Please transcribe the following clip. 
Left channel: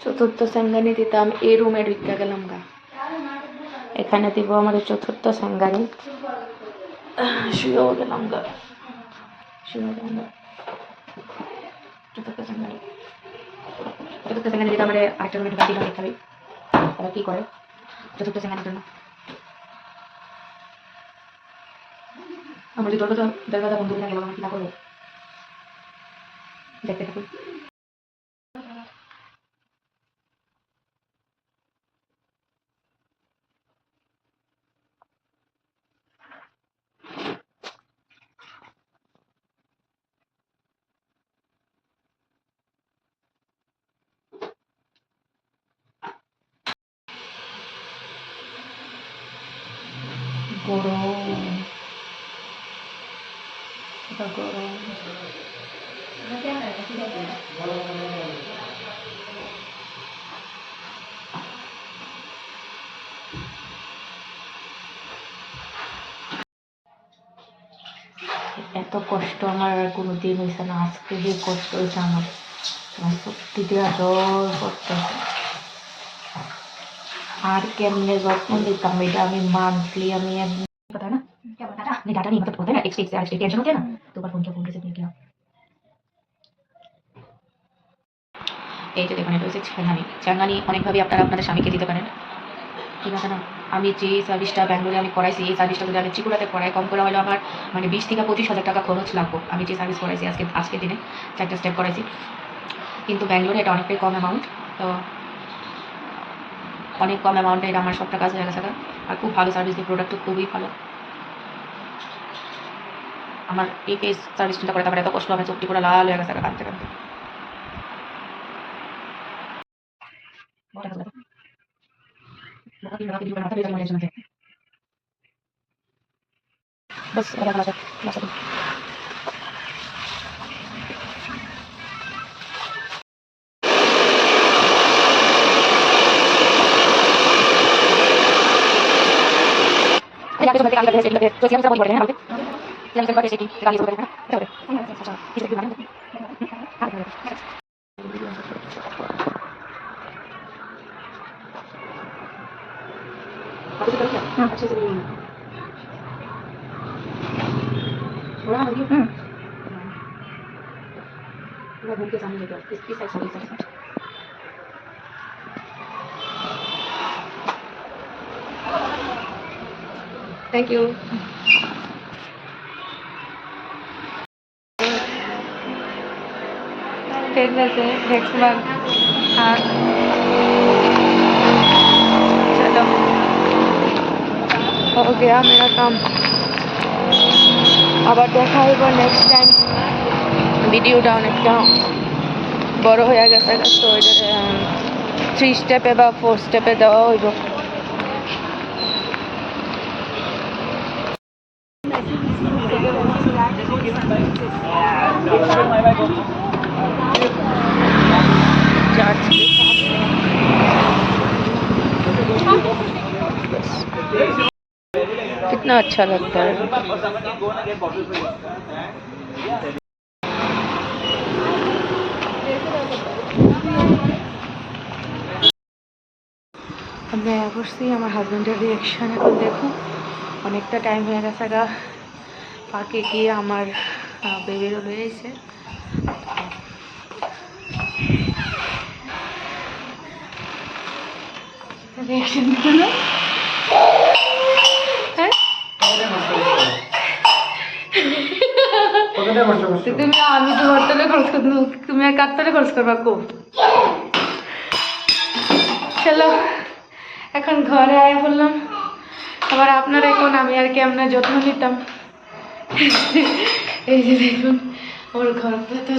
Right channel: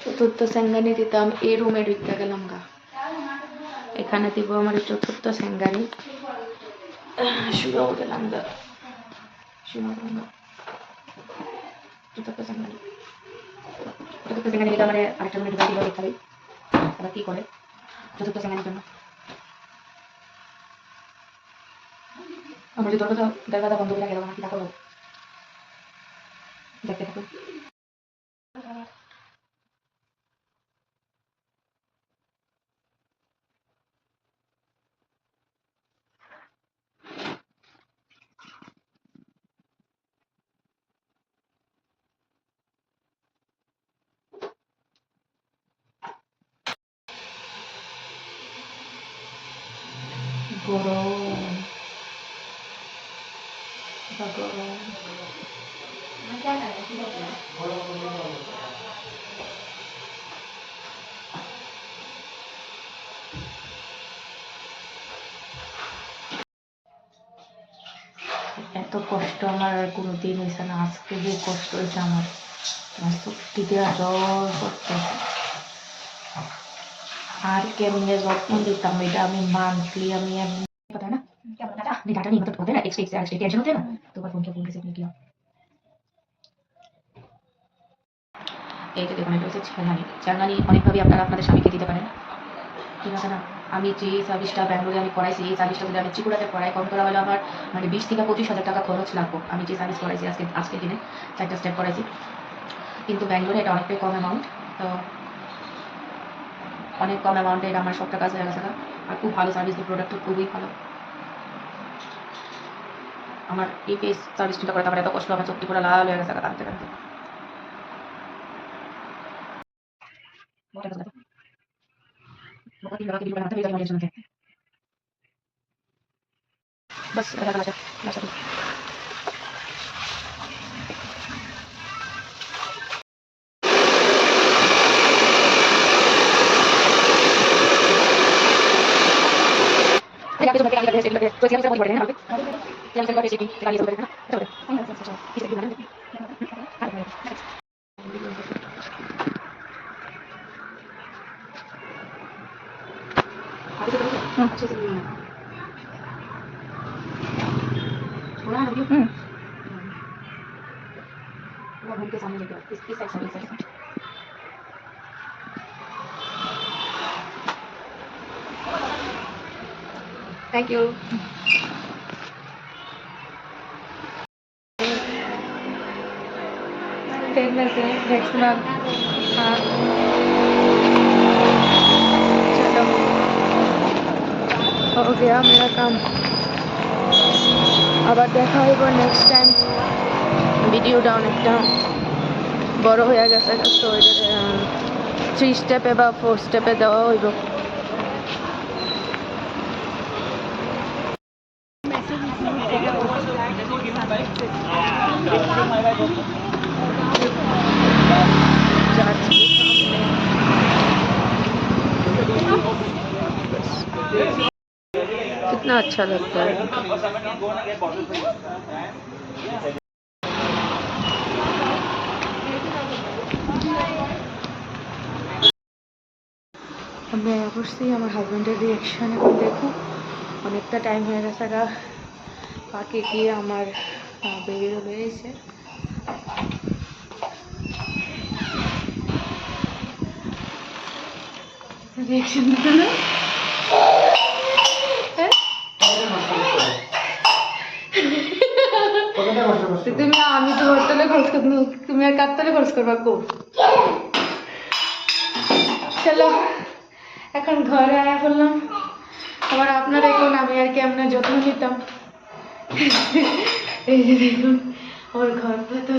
চতুর্থ সেঙ্গানি দিতাম এই রুমে ঢুকে গেলাম গা। এখানে দিব আমার চতুর্থ সেঙ্গানি। শুয়েও গেলাম গা, শুয়েও গেলাম গা। চতুর্থ সেঙ্গানি দিতে আমার আরেকটা রুমে ঢুকে দিল। দেখাবি এবার কি করে চতুর্থ সেঙ্গানির জন্য। আমার যদি দরজা বন্ধ করে গেল, আমার কি না করবো? দেখতে থাকুন। গরম, গরম। এত কষ্ট আমার আর কোনো দিন হয়েছে না। আজকে যে কষ্ট হয়েছে আমার সত্যি দেওয়া জল করতেছে। আর কেমনে যত্ন দিতাম এটা আমি মান্থলি আমি पता है ना क्या बताता नहीं डाटा नहीं मतलब होता है ना एक स्टेज से स्टेज टेंशन होते हैं ना तो ऊपर फोन किया किया এই যে দেখুন এটা হচ্ছে ছেঙ্গানি অনেকভাবে আপনারা আপনাদের স্বামীকে দিতে পারেন, ঠিক আছে না। আমি যে সার্ভিসটা ব্যাঙ্গালোরে আমি করাইছি এই সার্ভিসটা যদি আমি ত্রিপুরাতে করাই কম করে হলে আমার মানে 20 থেকে 25,000 টাকা খরচ লাগবে। আমি যে সার্ভিস করাইছি আজকের দিনে 4টা স্টেপ করাইছি, কিন্তু ব্যাঙ্গালোরে এটা অনেকটাই কম অ্যামাউন্ট। তো অনেক কম অ্যামাউন্টে এটা আমার সবটা কাজ হয়ে গেছে। আর খুব ভালো সার্ভিস, দিয়ে প্রোডাক্টও খুবই ভালো। আমার এই ফেস সার্ভিসটা করে তারপরে এত কষ্ট, আমার চোখটি পুরো লাল হয়ে গেছে কাঁদতে কাঁদতে। बस के सामने लेके इसकी साइड से थैंक यू। फिर वैसे नेक्स्ट मंथ। हाँ चलो हो गया मेरा काम। আবার দেখা হইব নেক্সট টাইম। ভিডিওটা অনেকটা বড় হয়ে গেছে, তো এটা 3 স্টেপে বা 4 স্টেপে দেওয়া হইব। कितना अच्छा लगता है। আমি করছি আমার হাজব্যান্ডের রিয়াকশন এখন দেখুন। অনেকটা টাইম হয়ে গেছে গা, পার্কে গিয়ে আমার বেবিরও লয়ে এসে রিয়াকশন দিত না। তুমি আমি তো বর্তলে খরচ করব, তুমি আর কাতলে খরচ করবা কো। চলো এখন ঘরে আয়া বললাম আবার আপনারা এখন আমি আর কেমন যত্ন নিতাম। এই যে দেখুন ওর ঘর তো